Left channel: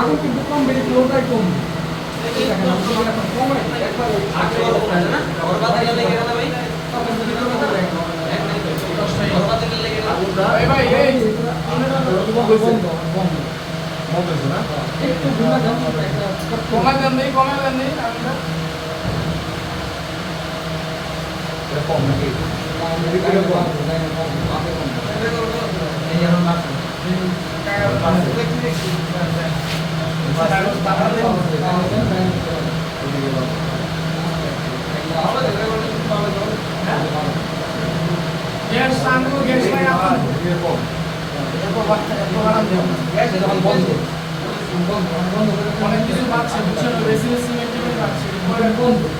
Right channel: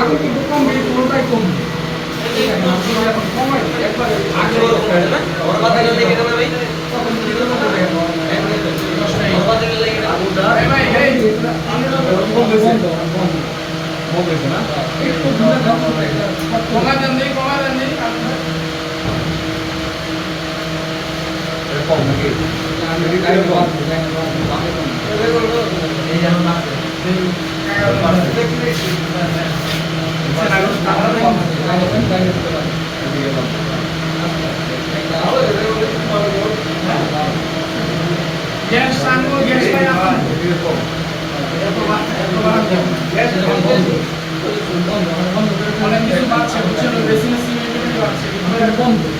আগে কিন্তু কম বেশি পুরোটাই কম এই এই, কমা নেই কমা আমি কম। এই এখন লাগছে। গ্যাস সাঙ্গো গ্যাস নাই আমার অনেক কিছু বাড়ছে বুঝছ বেশি সিমেন্ট বাড়ছে হোয়াইট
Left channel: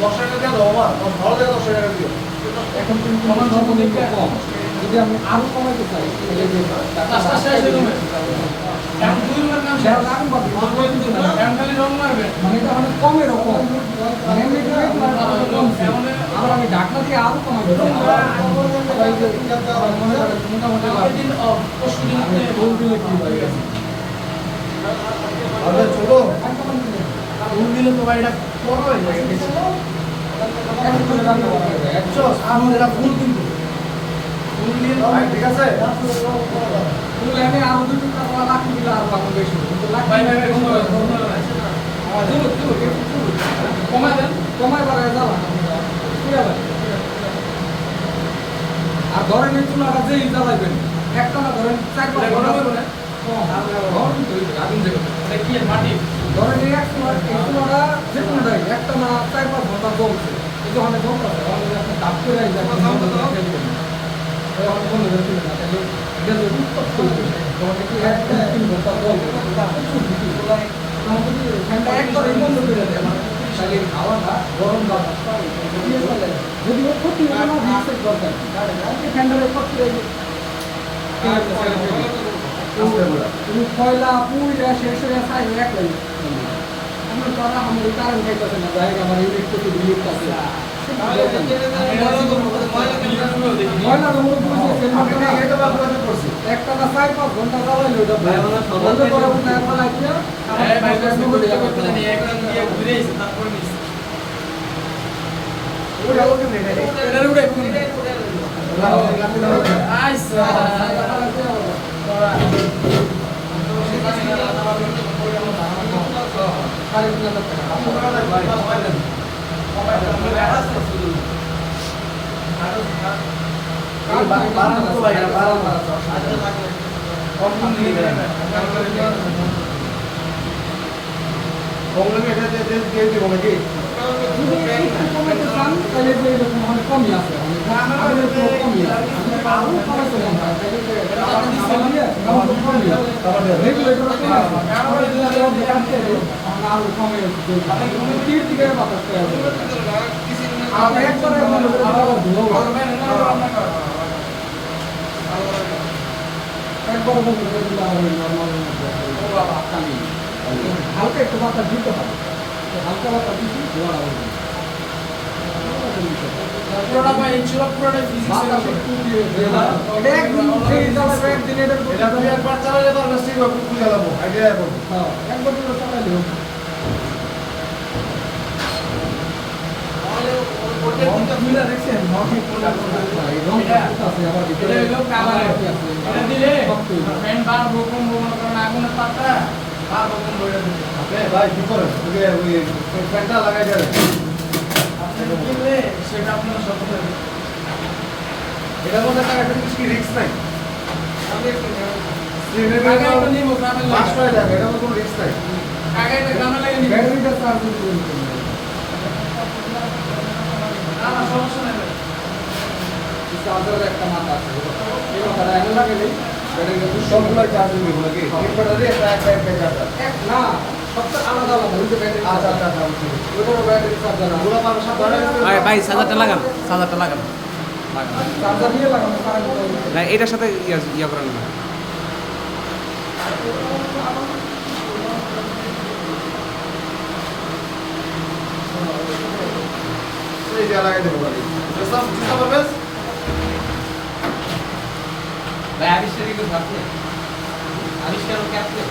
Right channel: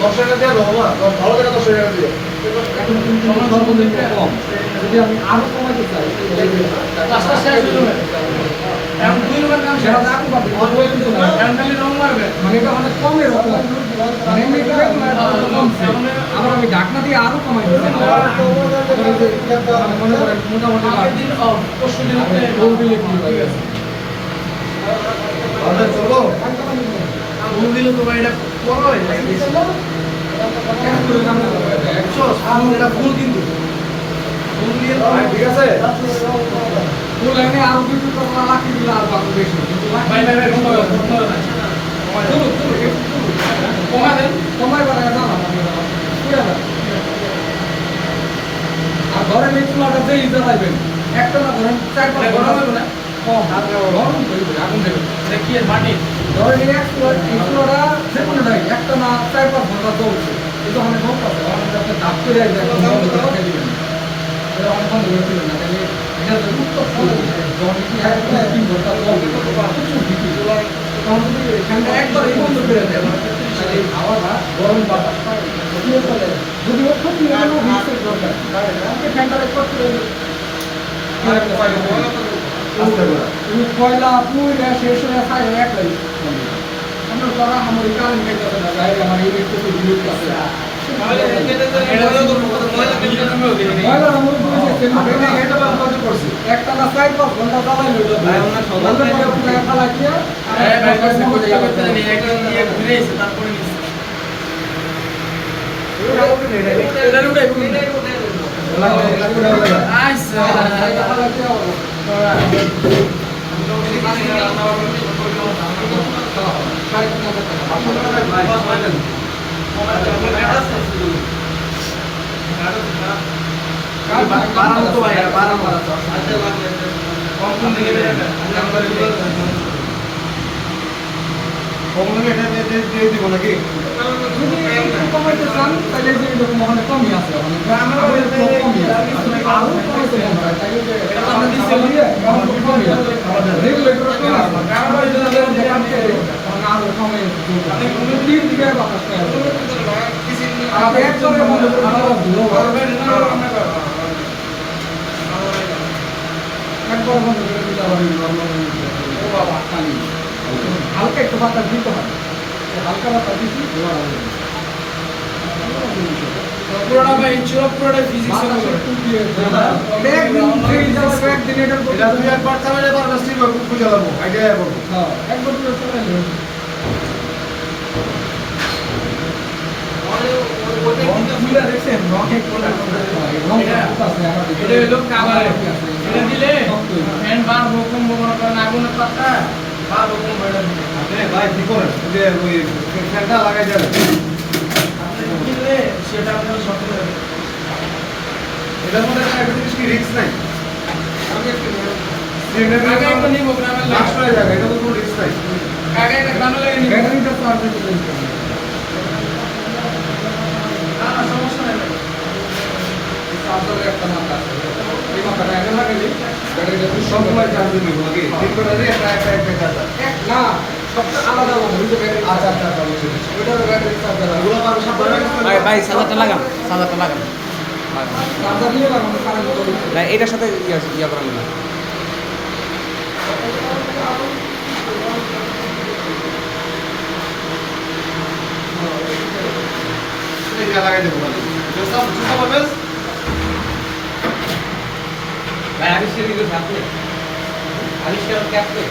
সাতটা সাতটা সাতটা ভালো না এখন কিন্তু সর্বনিম্ন কম। যদি আমি কমাইতে চাই শেষ হয়ে যাবে। মানে মানে আবার আমি ঢাকনা দিয়ে আরও কমাই দিচ্ছি দিলে তো ভাই দাম ফুল কিন্তু ফুল দিয়ে ঠিক আছে ফুল এনে আরও দুই টাকা লাখি দিলে আর ভালো বেশি কিন্তু ভাই ভাই ভাই দেন যাবে আর ধরেন এই চুলাটা যেই জ্বালাইবেন একটা না ধরেন চার পাঁচ এটা ঘণ্টা না? কম তো হইবে, আগুন দেখি মাটি ধরেন এক চুলা চুলাটা যে কোনোটাই একটা না চার পাঁচ ঘণ্টা চলছে। এই যখন বন্ধ আছে আপনি ডাক করে রাখবেন বন্ধ করে দিবেন না তাহলে এটা উত্তপ্ত যখন দেখি এক তিন ঘণ্টা চলবে প্রচুর দিকে তখন যদি এখানটা একবার এই বন্ধ করে দেয় তাহলে এই হাওয়াটা গরম বাতাসটা যদি রিক্সের দরকার। ফ্যানটা করতে তুমি কয়লা পুইরা শেষ হয়ে খাই এক লাই করা আমার এই কারণ খাইতেছে না যাই আমার ইউনিট কত ইউনিট আছে। একটা না চার পাঁচ ঘণ্টা জ্বালাই লইল ফেলাই দিয়ে ভাই ভাই কষ্ট করতে করতে নেই একদম দিয়ে ঘুরে এসে তারপরে নিচ্ছে এটা উড়ে আইসা যদি একটু কমাইতে চান তাহলে যে এরকম ওখানে কমই আছে ওখানে আমাদের তো কমই আছে আরও কমাইতে কম হয় তাহলে যে এটা আমাদের দিয়ে আমার তো কমই আছে রেগুলেটর কম আছে আরও কমে তুমি কি দিকে বাতাস পাই আমাদের একজনের মনে আরও একবার বন্ধ করে দিলে আবার এই নরমাল খালি। হালকা একটু বাতাস দিতে হয়। হালকা বাতাস দিচ্ছি ধোয়া হয়ে পুরোটা ভাই ছিল পুরোটা ফিজিক্স এটা একদিন ফেরি যাবে একদিন এটার এটা তুমি একবার চালালে পারবে স্টিল খুব খুঁজে আইডিয়া করব হ্যাঁ একবার আছে? আবার এটা হলো কাভার এটা দিলে। ফ্যান বার হুকুম মনে করেন আগুনের পাত্তা বার হুকুম বেড়ে আপনি ভাই কি করেন যে ওই ফ্যানটা লাগাই দেবেন সেটা আপনার একটা জিনিস রিস্ক নাই আগে একটা নিব গ্রামের লাগে এটা তো কোনো রিস্ক নাই আগে গ্রামের লাগে ব্যাটারিটা চার্জ দিতে দেবেন না না সমস্যা নাই ভাই। এই চার্জারের একটা মাথা আছে এই মাথাটা আগে লাগাইলে সবগুলাই চার্জ দিবে তিন ব্যাটারি একটা একটা একটা চার্জার এক না সবটা আলাদা আলাদা যে ব্যাটারি আচ্ছা বুঝছি। ওইটার ব্যাটারি চার্জার ওগুলো পাবে সব ভাই ভাই সাজারটা লাগান সাজারটা লাগান। লাগান চার্জার দিয়ে লাগানো কারেন্ট এটার সাথে ইয়া ইয়া করান না। এই লাগাই দেবো জোসা পাবে ভাই আবিষ্কার আবিষ্কার কি আপনি